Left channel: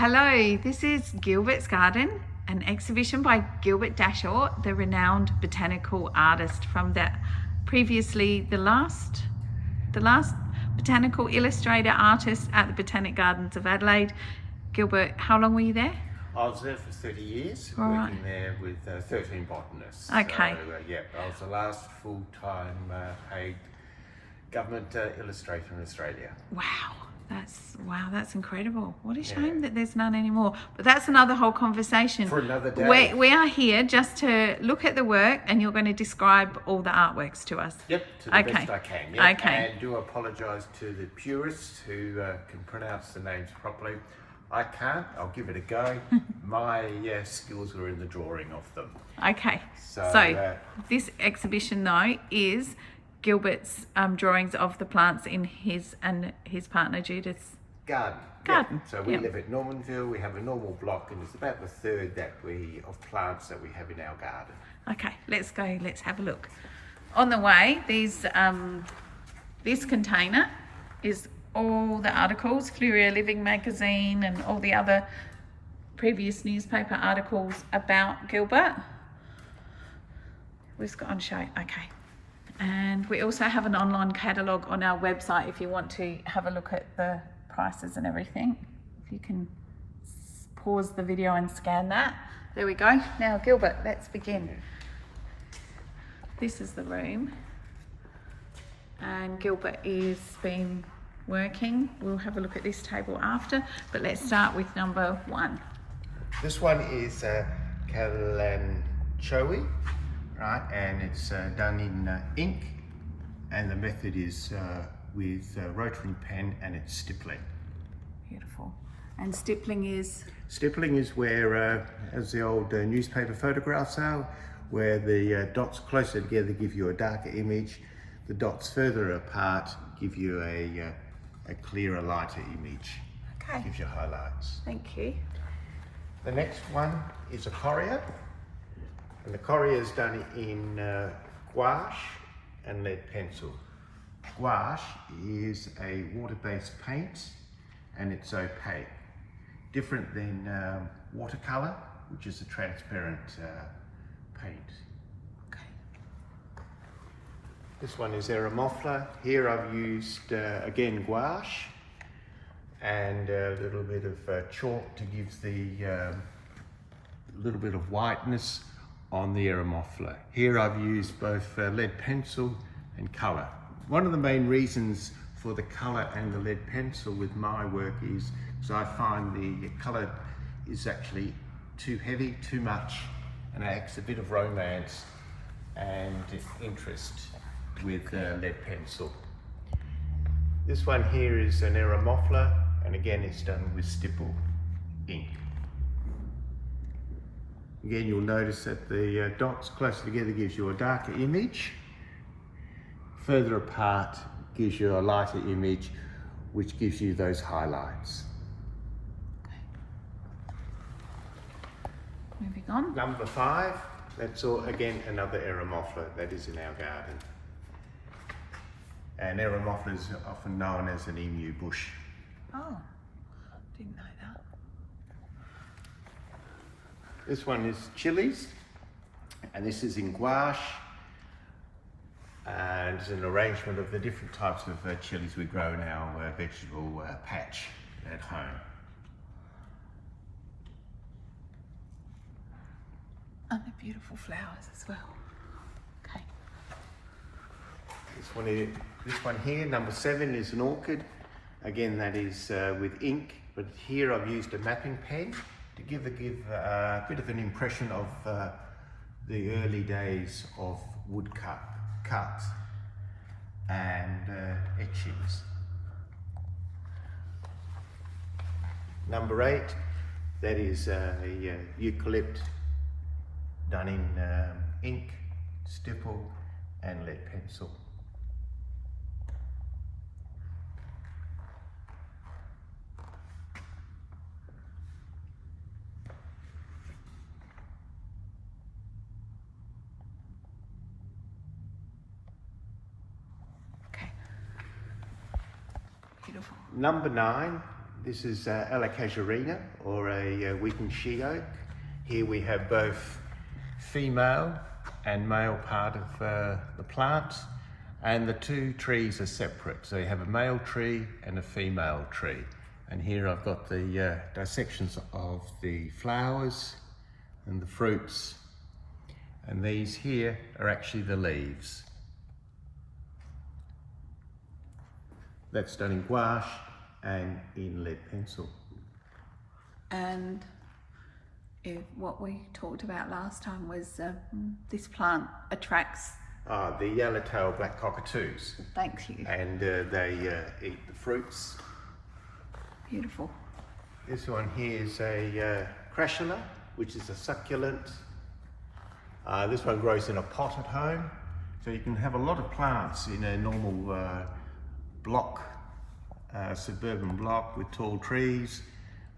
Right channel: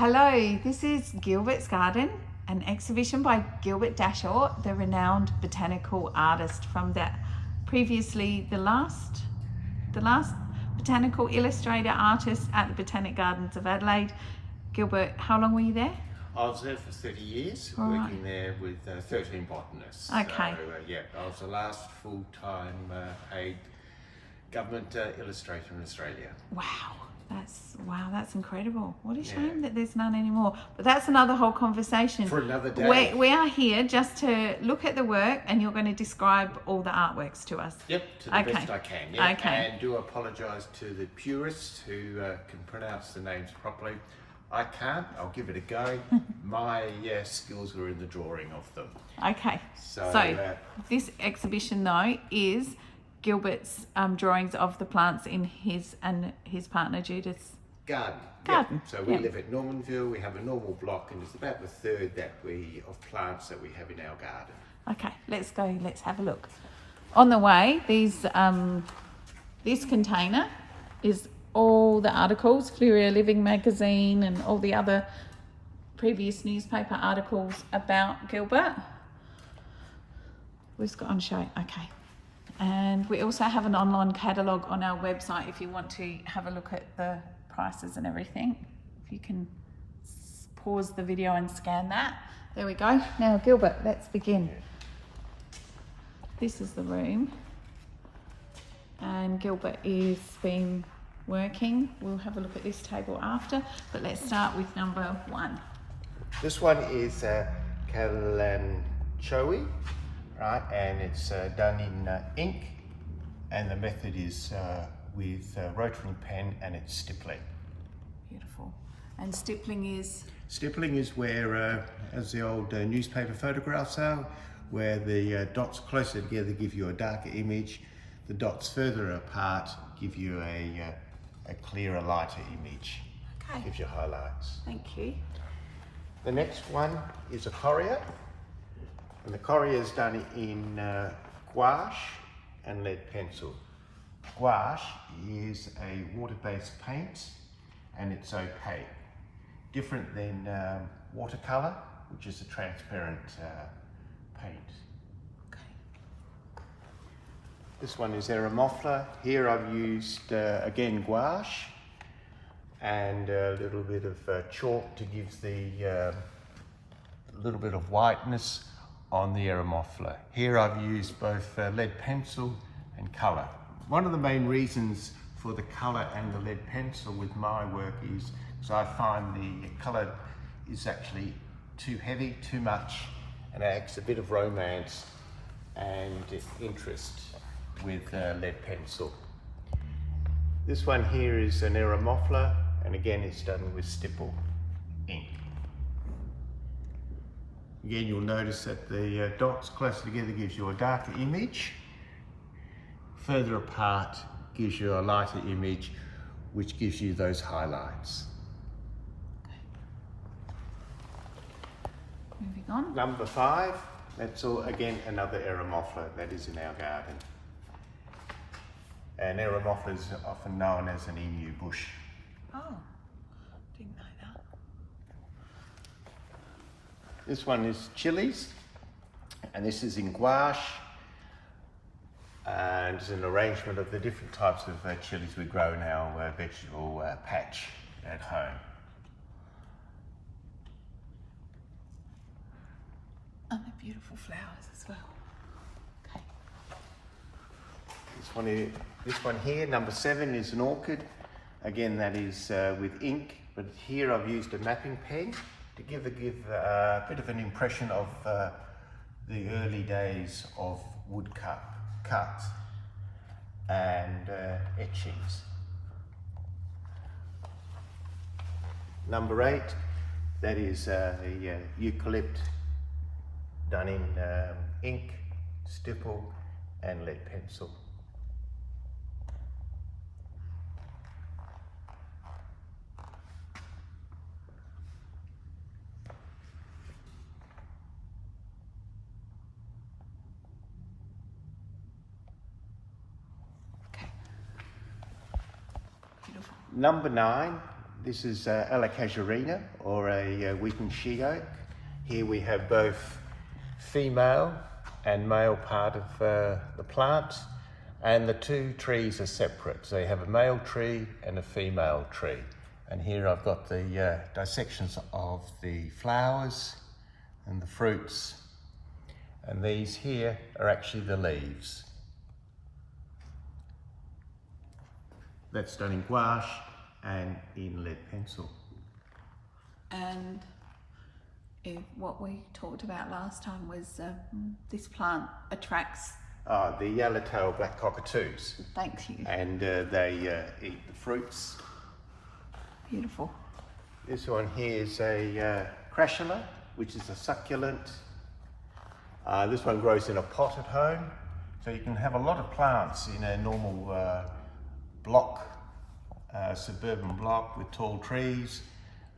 Hello, this is Gilbert's Garden, an exhibition by Gilbert Dashorst, the renowned botanical artist from the last botanical illustrator artist at the Botanic Gardens of Adelaide. Gilbert, how long were you there? I was there for 30 years, All right. working there with 13 botanists. Okay. So, yeah, I was the last full-time paid government illustrator in Australia. Wow, that's incredible. What a shame that there's none anymore. But that's another whole conversation. For another day. We are here just to look at the work, and you're going to describe all the artworks to us. Yep, to the best I can. Yeah. Okay. And do apologise to the purists who can pronounce the names properly. I can't. I'll give it a go. My skills are in the drawing of them. Okay. So this exhibition, though, is Gilbert's drawings of the plants in his and his partner Judith's garden. Yeah. So we live at Normanville. We have a normal block, and it's about the third of plants that we have in our garden. Okay, let's go. Let's have a look. On the way, this container is all the articles, Fleurieu Living magazine, and all the other previous newspaper articles about Gilbert. We've got on show. Okay. And we also have an online catalogue on our website if you want to have a look at the prices and everything. If you can pause the video and scan that. There we go. Now, Gilbert, let's begin. This is the room. And Gilbert is been working. We'll have a look at this table after, but let's start with number 1. This one is Calanchoe, right? And it's done in ink, and the method is with rotary pen, and it's stippling. Beautiful. And stippling is? Stippling is where, as the old newspaper photographs are, where the dots closer together give you a darker image, the dots further apart give you a clearer, lighter image. Okay. Gives you highlights. Thank you. The next one is a coria, and the coria is done in gouache and lead pencil. Gouache is a water-based paint, and it's opaque, different than watercolour, which is a transparent paint. Okay. This one is Eremophila. Here I've used again gouache and a little bit of chalk to give the little bit of whiteness on the Eremophila. Here I've used both lead pencil and colour. One of the main reasons for the colour and the lead pencil with my work is because I find the colour is actually too heavy, too much, and it adds a bit of romance and interest with lead pencil. This one here is an Eremophila, and again it's done with stipple ink. Again, you'll notice that the dots closer together gives you a darker image. Further apart gives you a lighter image, which gives you those highlights. Okay. Moving on. Number 5, that's all, again another Eremophila that is in our garden. And Eremophila is often known as an emu bush. Oh, didn't know that. This one is chilies, and this is in gouache. And it's an arrangement of the different types of chilies we grow in our vegetable patch at home. And the beautiful flowers as well. Okay. This one here, number 7, is an orchid. Again, that is with ink, but here I've used a mapping pen to give a bit of an impression of the early days of cuts and etchings. Number 8, that is the eucalypt done in ink, stipple and lead pencil. Number 9, This is Ala casuarina, or a weeping she oak. Here we have both female and male part of the plant, and the two trees are separate. So you have a male tree and a female tree. And here I've got the dissections of the flowers and the fruits. And these here are actually the leaves. That's done in gouache and in lead pencil. And what we talked about last time was this plant attracts... The yellowtail black cockatoos. Thank you. And they eat the fruits. Beautiful. This one here is a crassula, which is a succulent. This one grows in a pot at home. So you can have a lot of plants in a normal block, suburban block with tall trees,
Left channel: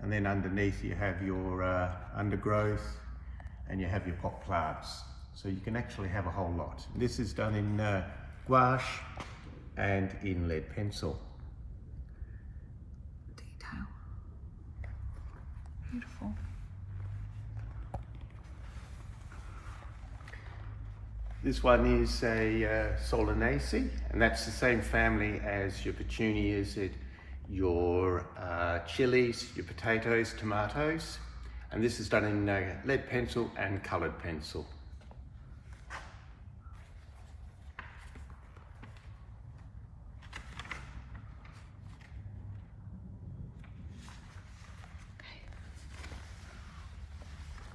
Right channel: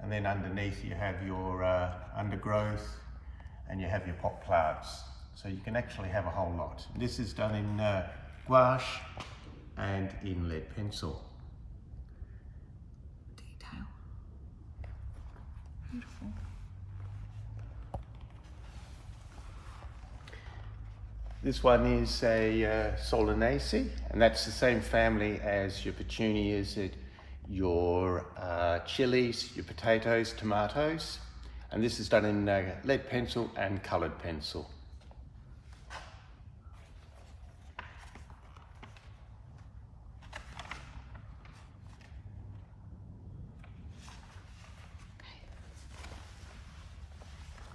and then underneath you have your undergrowth and you have your pot plants. So you can actually have a whole lot. This is done in gouache and in lead pencil. Detail. Beautiful. This one is a solanaceae, and that's the same family as your petunias, your chilies, your potatoes, tomatoes. And this is done in lead pencil and coloured pencil.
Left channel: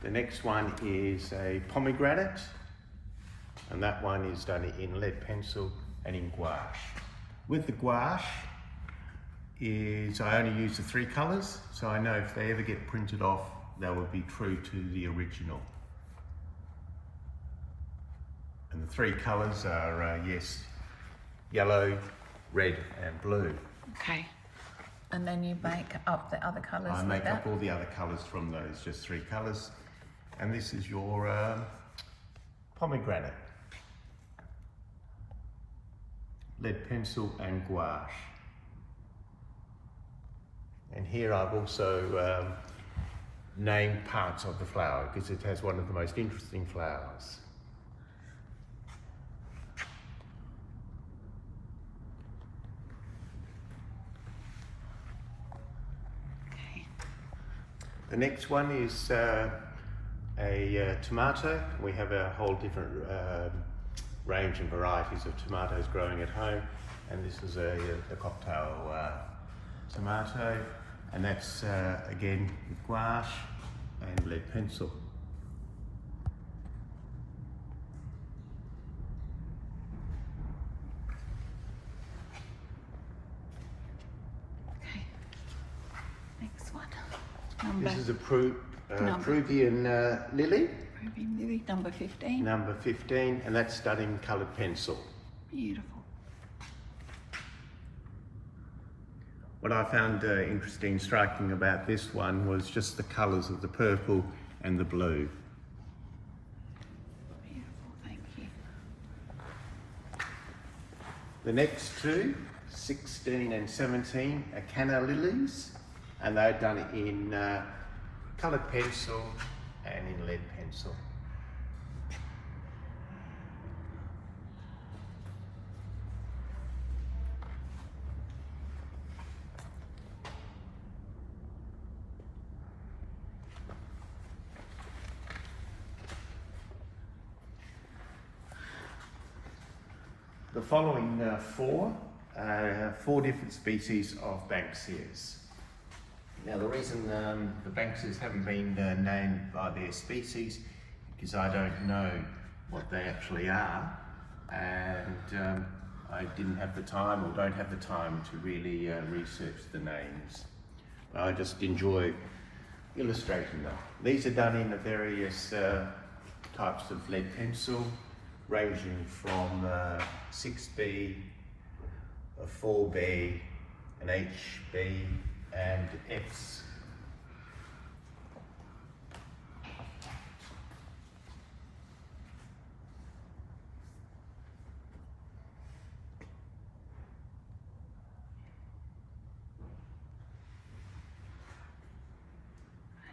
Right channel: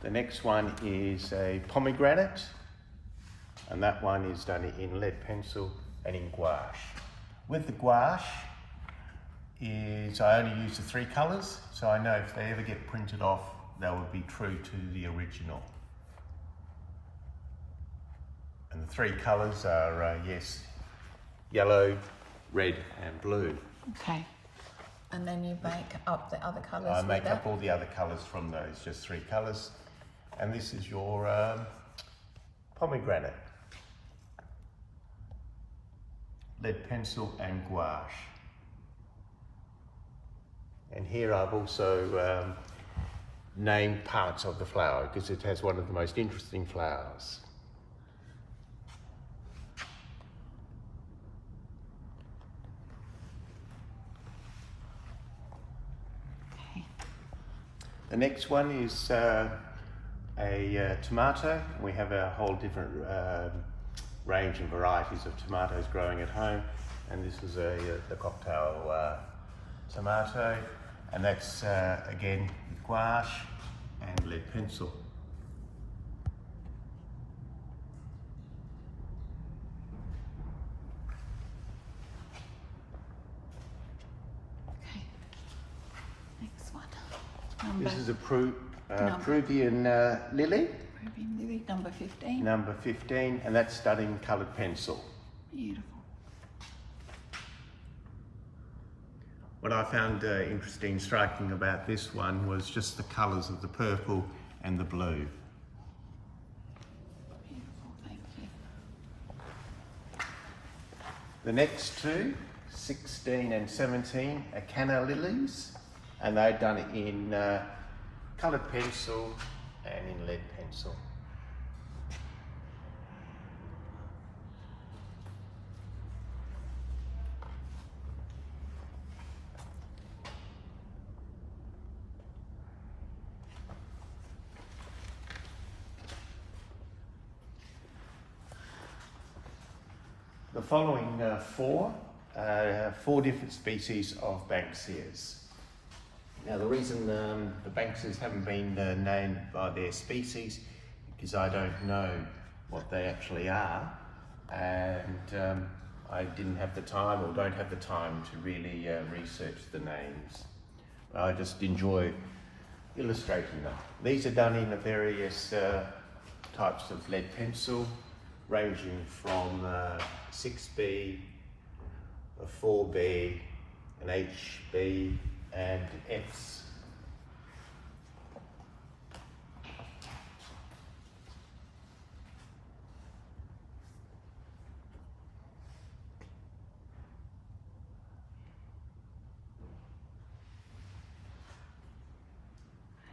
The next one is a pomegranate, and that one is done in lead pencil and in gouache. With the gouache, I only use the 3 colours, so I know if they ever get printed off, they will be true to the original. And the 3 colours are, yes, yellow, red and blue. Okay. And then you make up the other colours. I make up all the other colours from those, just 3 colours. And this is your pomegranate. Lead pencil and gouache. And here I've also named parts of the flower because it has one of the most interesting flowers. Okay. The next one is a tomato. We have a whole different range and varieties of tomatoes growing at home, and this is a cocktail tomato, and that's again gouache and lead pencil. Okay. Next one. This is a Peruvian lily. Peruvian lily, number 15. Number 15, and that's done in coloured pencil. Beautiful. What I found interesting, striking about this one was just the colours of the purple and the blue. Beautiful, thank you. The next 2, 16 and 17, are canna lilies, and they're done in coloured pencil and in lead pencil. The following 4 are 4 different species of Banksias. Now the reason the Banksias haven't been named by their species because I don't know what they actually are, and I didn't have the time or don't have the time to really research the names. But I just enjoy illustrating them. These are done in various types of lead pencil, ranging from 6B, a 4B, an HB and Fs.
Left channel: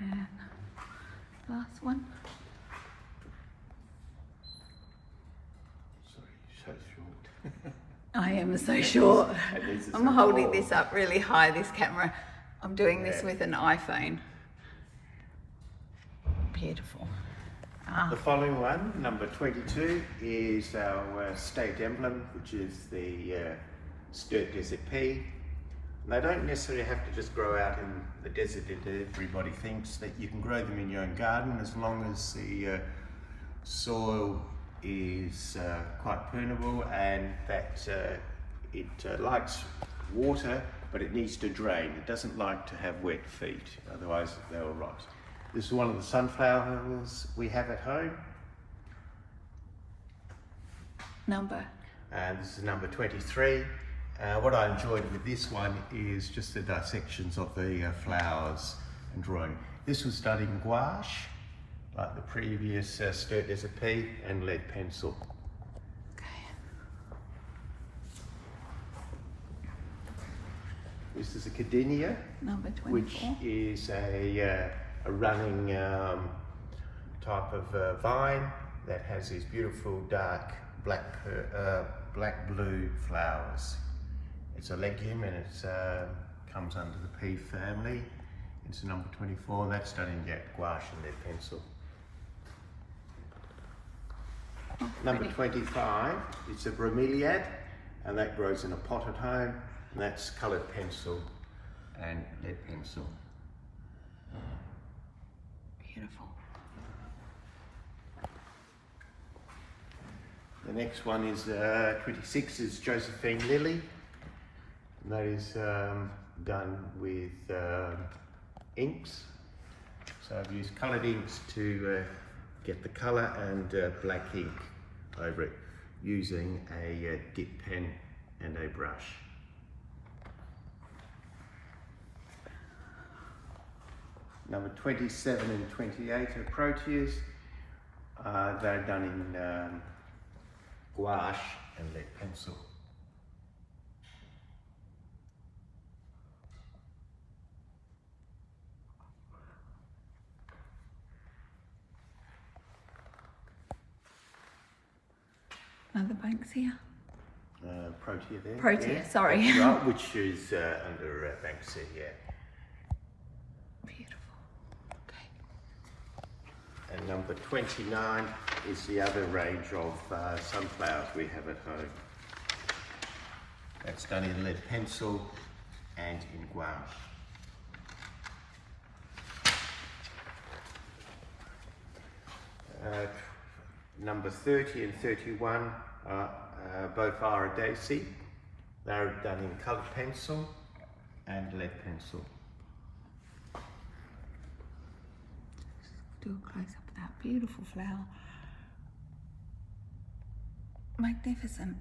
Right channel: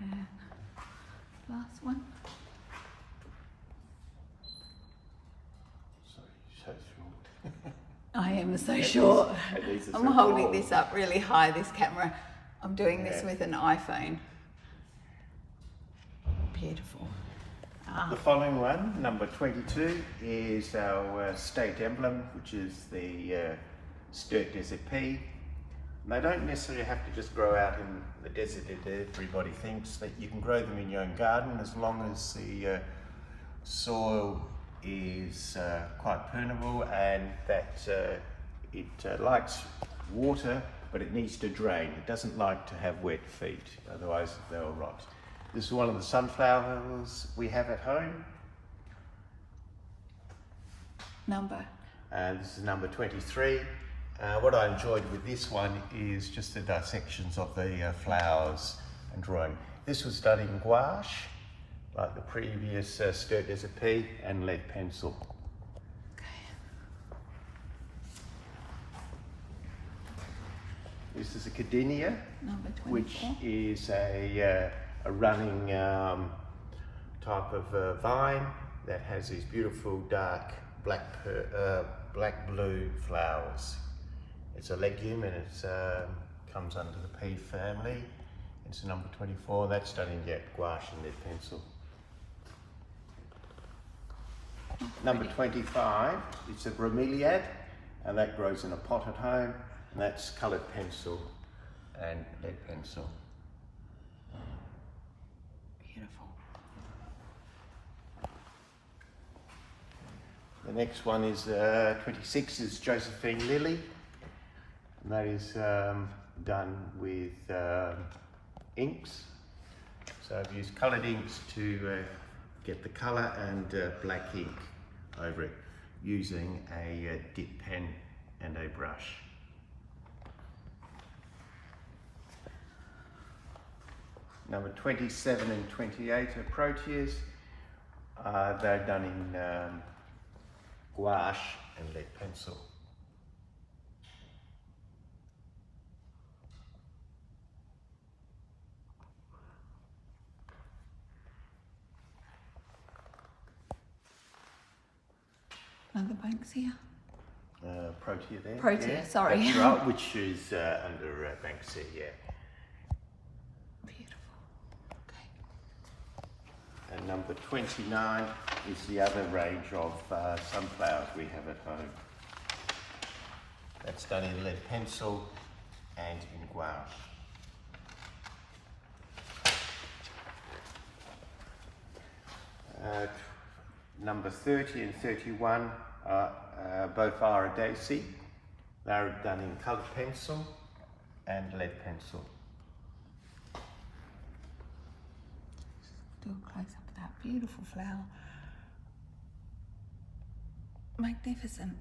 And last one. Sorry, so short. I am so short. These are I'm so holding tall. this up really high, this camera. I'm doing this Yeah. with an iPhone. Beautiful. The following one, number 22, is our state emblem, which is the Sturt Desert pea. They don't necessarily have to just grow out in the desert. Everybody thinks that you can grow them in your own garden as long as the soil is quite permeable and that it likes water, but it needs to drain. It doesn't like to have wet feet, otherwise they'll rot. This is one of the sunflowers we have at home. Number? This is number 23. What I enjoyed with this one is just the dissections of the flowers and drawing. This was done in gouache, like the previous Sturt Desert pea, and lead pencil. Okay. This is a Cardinia, Number 24. which is a running type of vine that has these beautiful dark black-blue flowers. It's a legume and it comes under the pea family. It's number 24. That's done in gouache and lead pencil. Number 25, it's a bromeliad, and that grows in a pot at home, and that's coloured pencil and lead pencil. Beautiful. The next one is 26 is Josephine lily, and that is done with inks. So I've used coloured inks to get the colour and black ink over it using a dip pen and a brush. Number 27 and 28 are proteas. They're done in gouache and lead pencil. Another Banksia? Protea there. Protea, yeah. sorry. That's right, which is under Banksia, yeah. Beautiful. Okay. And number 29 is the other range of sunflowers we have at home. That's done in lead pencil and in gouache. Number 30 and 31 both are a daisy. They're done in coloured pencil and lead pencil. Do a close up of that beautiful flower. Magnificent.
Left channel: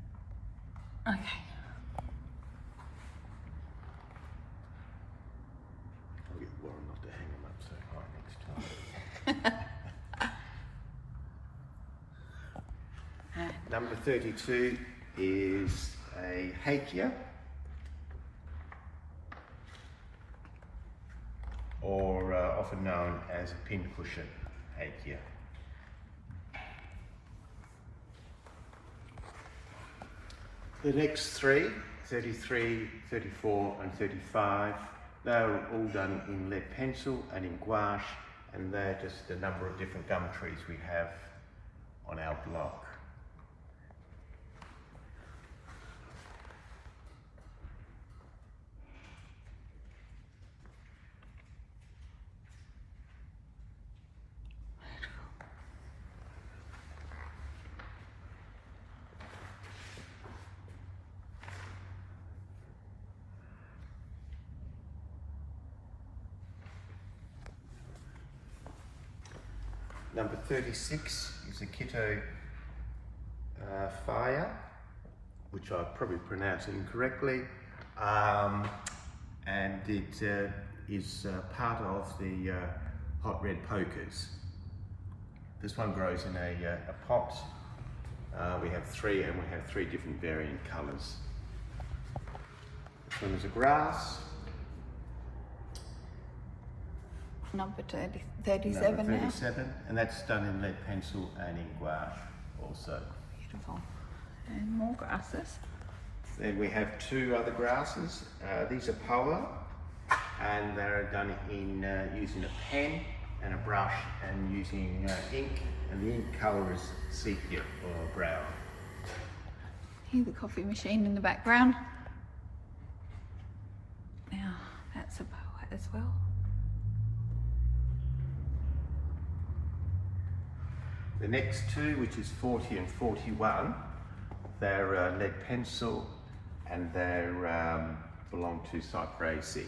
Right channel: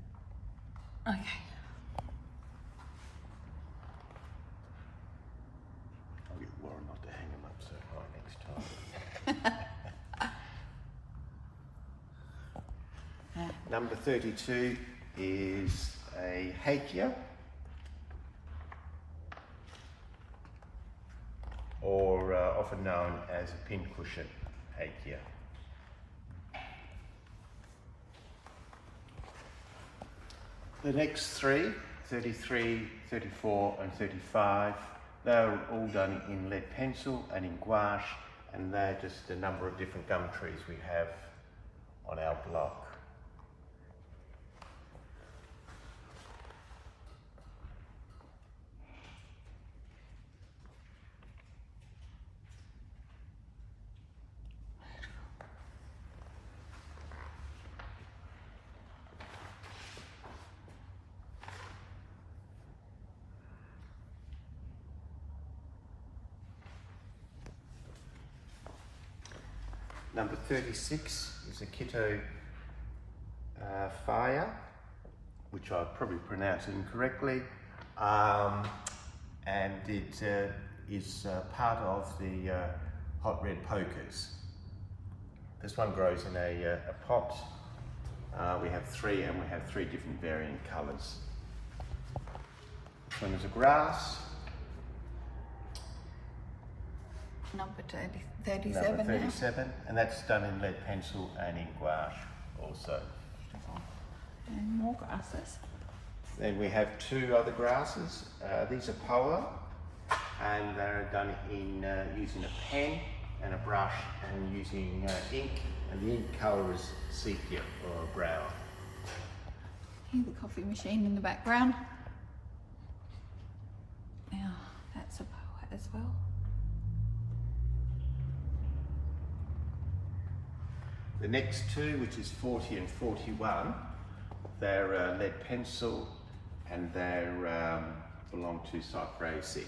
Okay. I'll get Warren not to hang them up so high next time. Number 32 is a hakea, or often known as a pincushion hakea. The next three, 33, 34 and 35, they're all done in lead pencil and in gouache, and they're just a number of different gum trees we have on our block. Number 36 is a Quito fire, which I probably pronounced incorrectly, and it is part of the hot red pokers. This one grows in a pot. We have three, and we have three different variant colours. This one is a grass. number 37 number now. 37, and that's done in lead pencil and in gouache also. Beautiful. And more grasses. Then we have two other grasses. These are poa, and they're done in using a pen and a brush and using ink, and the ink colour is sepia or brown. Here's the coffee machine in the background. Now that's a poa as well. The next two, which is 40 and 41, they're lead pencil, and they belong to Cyperaceae,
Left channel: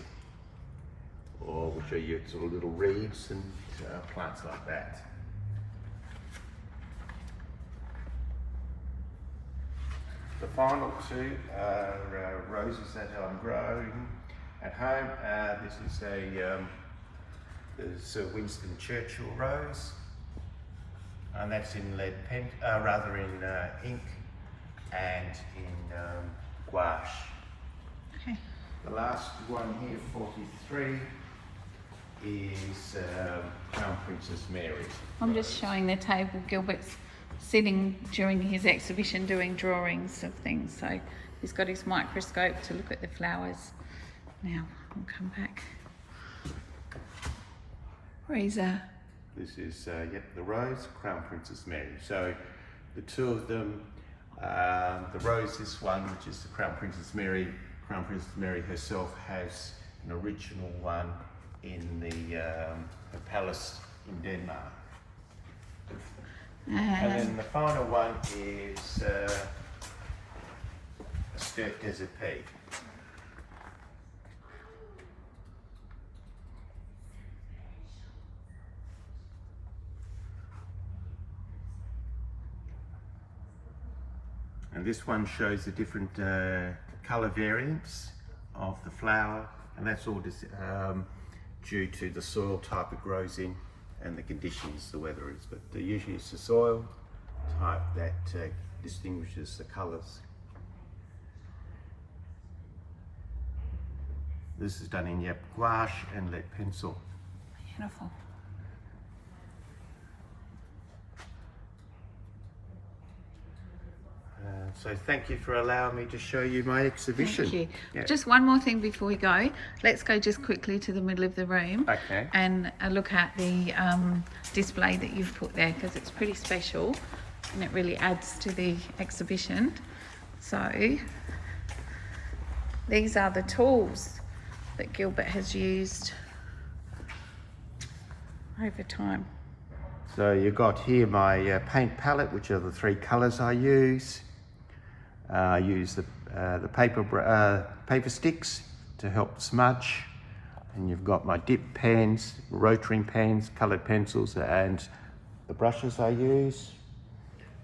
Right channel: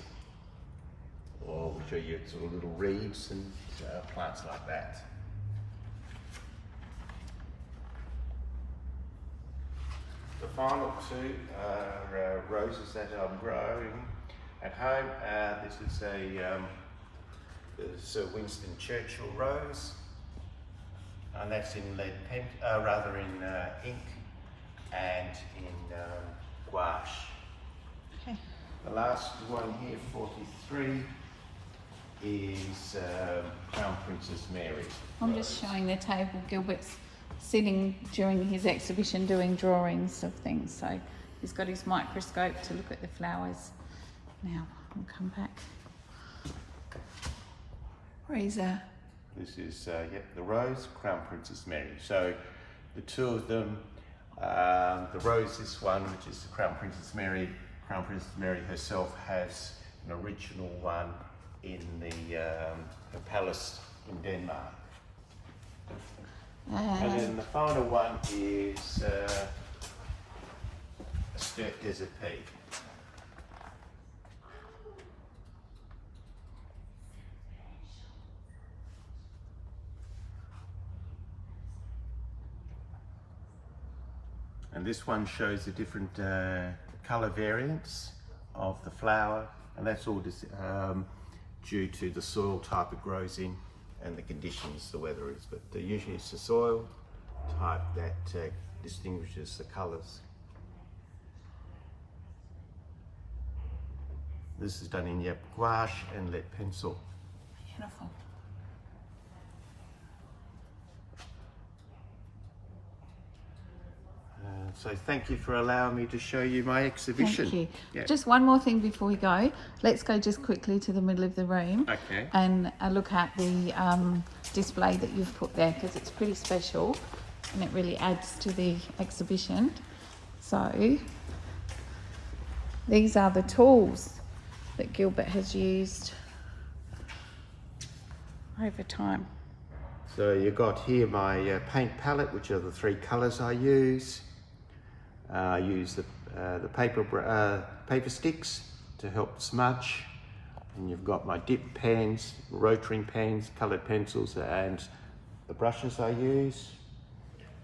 or which are your sort of little reeds and plants like that. The final two are roses that I'm growing at home. This is a Winston Churchill rose, and that's in lead pen, rather in ink and in gouache. Okay. The last one here, 43, is Crown Princess Mary. I'm just showing the table. Gilbert's sitting during his exhibition doing drawings of things, so he's got his microscope to look at the flowers. Now I'll come back. Razor. This is the rose, Crown Princess Mary. So the two of them, the rose, this one, which is the Crown Princess Mary. Crown Princess Mary herself has an original one in the palace in Denmark. And then the final one is Skirt Desert Peak. And this one shows the different colour variants of the flower, and that's all just due to the soil type it grows in and the conditions the weather is. But usually it's the soil type that distinguishes the colours. This is done in gouache and lead pencil. Beautiful. So thank you for allowing me to show you my exhibition. Thank you. Yeah. Just one more thing before we go. Let's go just quickly to the middle of the room. Okay. And look at the display that you've put there, because it's pretty special and it really adds to the exhibition. So these are the tools that Gilbert has used over time. So you've got here my paint palette, which are the three colours I use. I use the paper sticks to help smudge, and you've got my dip pens, rotary pens, coloured pencils, and the brushes I use.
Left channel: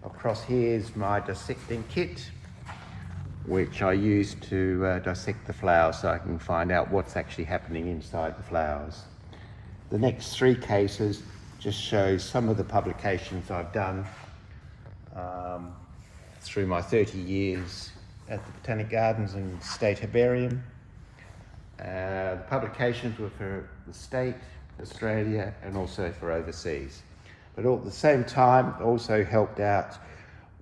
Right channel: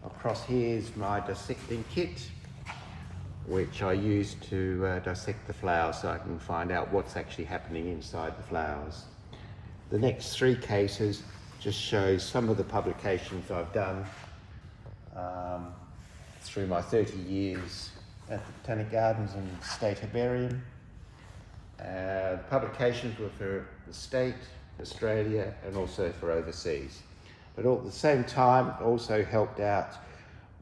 Across here is my dissecting kit, which I use to dissect the flowers so I can find out what's actually happening inside the flowers. The next three cases just shows some of the publications I've done through my 30 years at the Botanic Gardens and State Herbarium. Publications were for the state, Australia, and also for overseas. But all at the same time, also helped out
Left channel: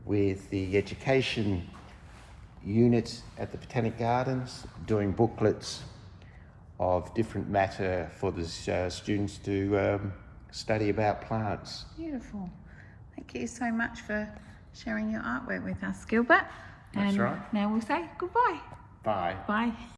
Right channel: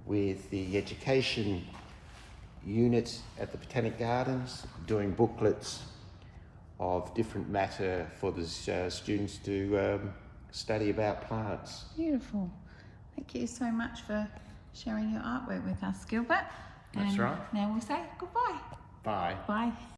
with the education unit at the Botanic Gardens, doing booklets of different matter for the students to study about plants. Beautiful. Thank you so much for sharing your artwork with us, Gilbert. That's and right. Now we'll say goodbye. Bye. Bye.